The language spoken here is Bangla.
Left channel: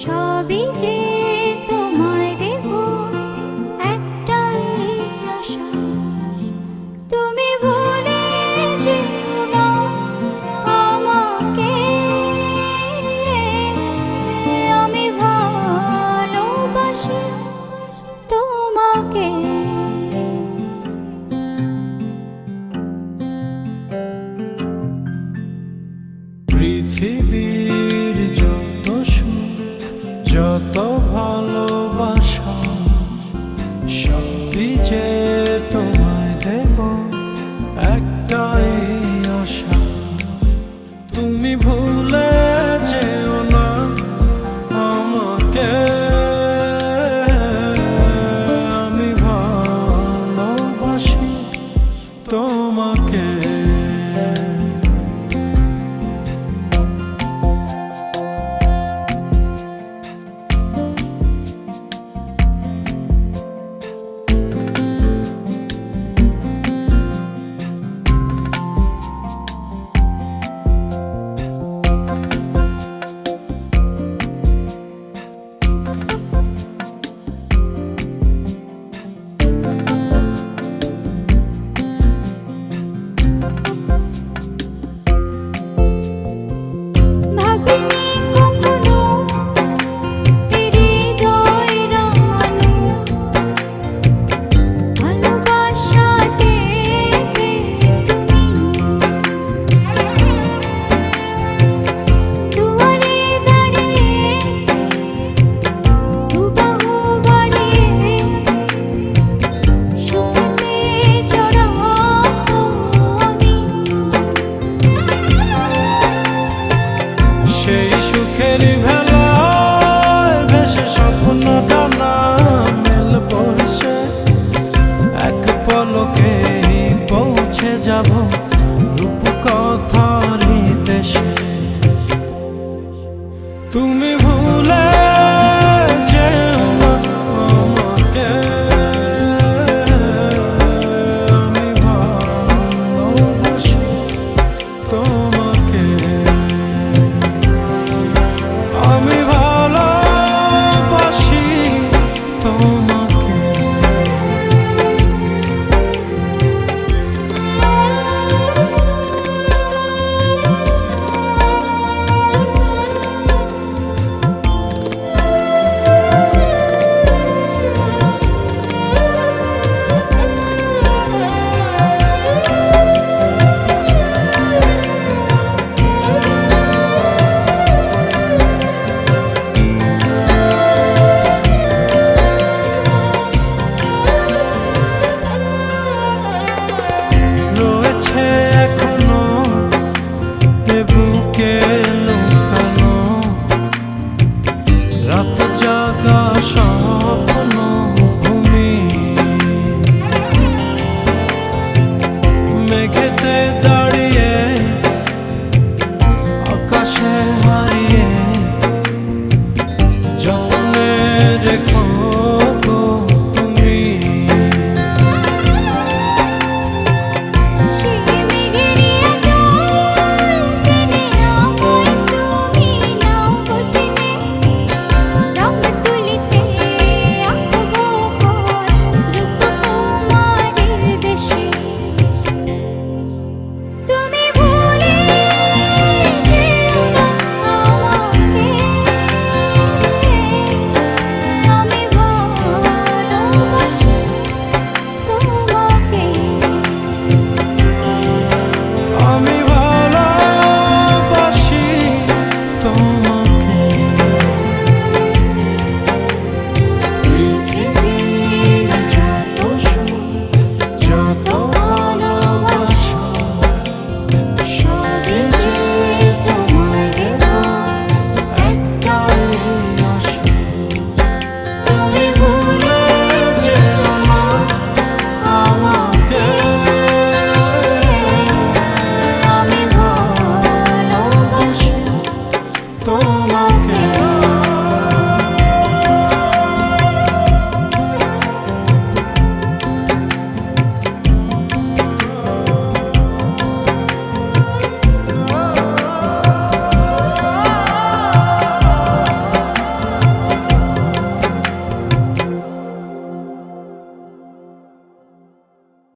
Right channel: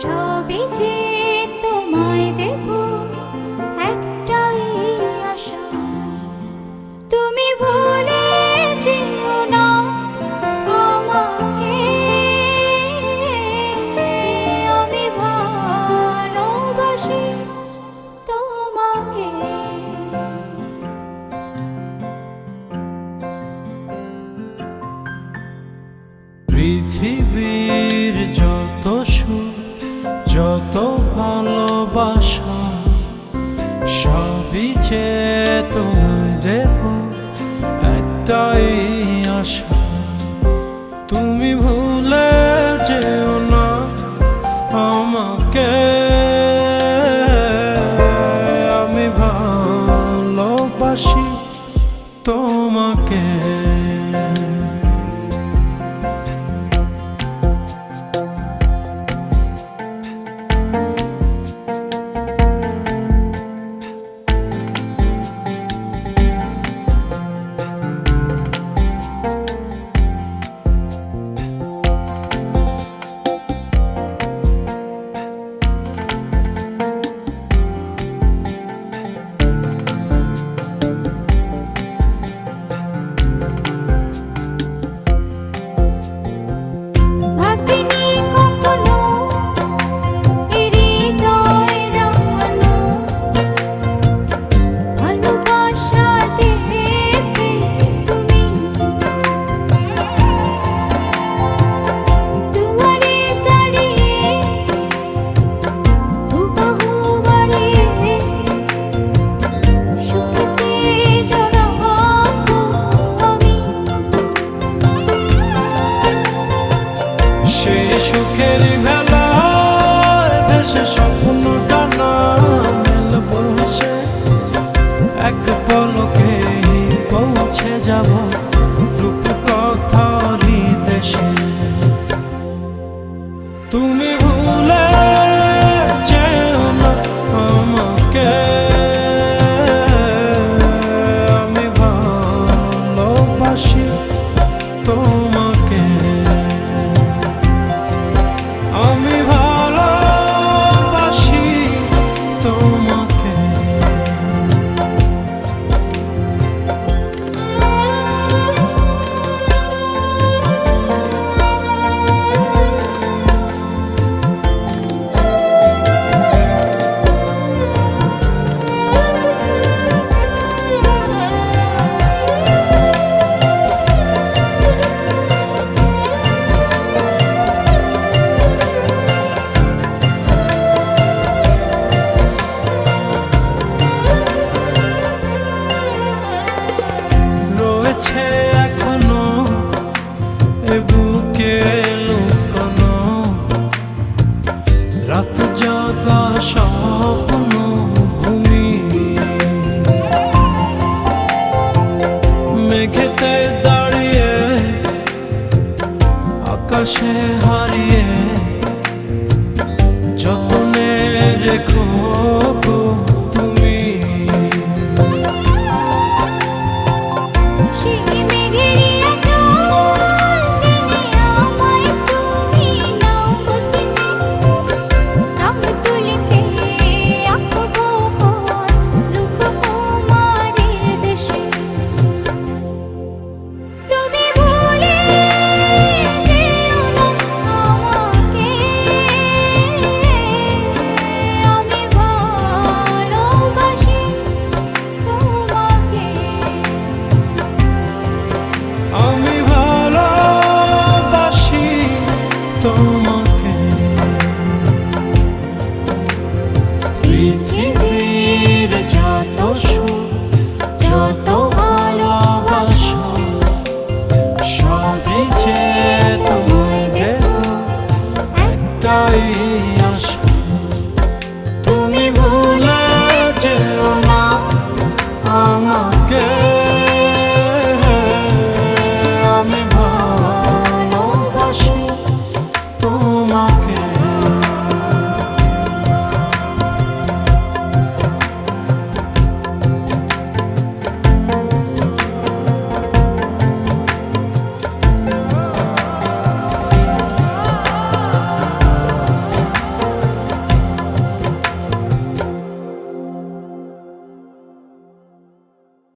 সবই যে তোমায় দেব, একটাই আশা, তুমি ভুলে যেও না আমাকে। আমি ভালোবাসি তোমাকে। পৃথিবীর যত সুখ, যত ভালোবাসা, সবই যে তোমায় দেব, একটাই আশা, তুমি ভুলে যেও না আমাকে। আমি ভালোবাসি তোমাকে। সেই সুখের ভেলায় ভেসে স্বপ্ন দানা মেলব সে, এক পলকে পৌঁছে যাব রূপকথার দেশে। তুমি ভুলে যেও না আমাকে। আমি ভালোবাসি তোমাকে। আমি ভালোবাসি তোমাকে। এখনো এ বুকে লুকানো রাত জাগা স্বপ্ন ভূমি, মেঘেতে দাঁড়িয়ে আকাশে হারিয়ে যতনে রেখে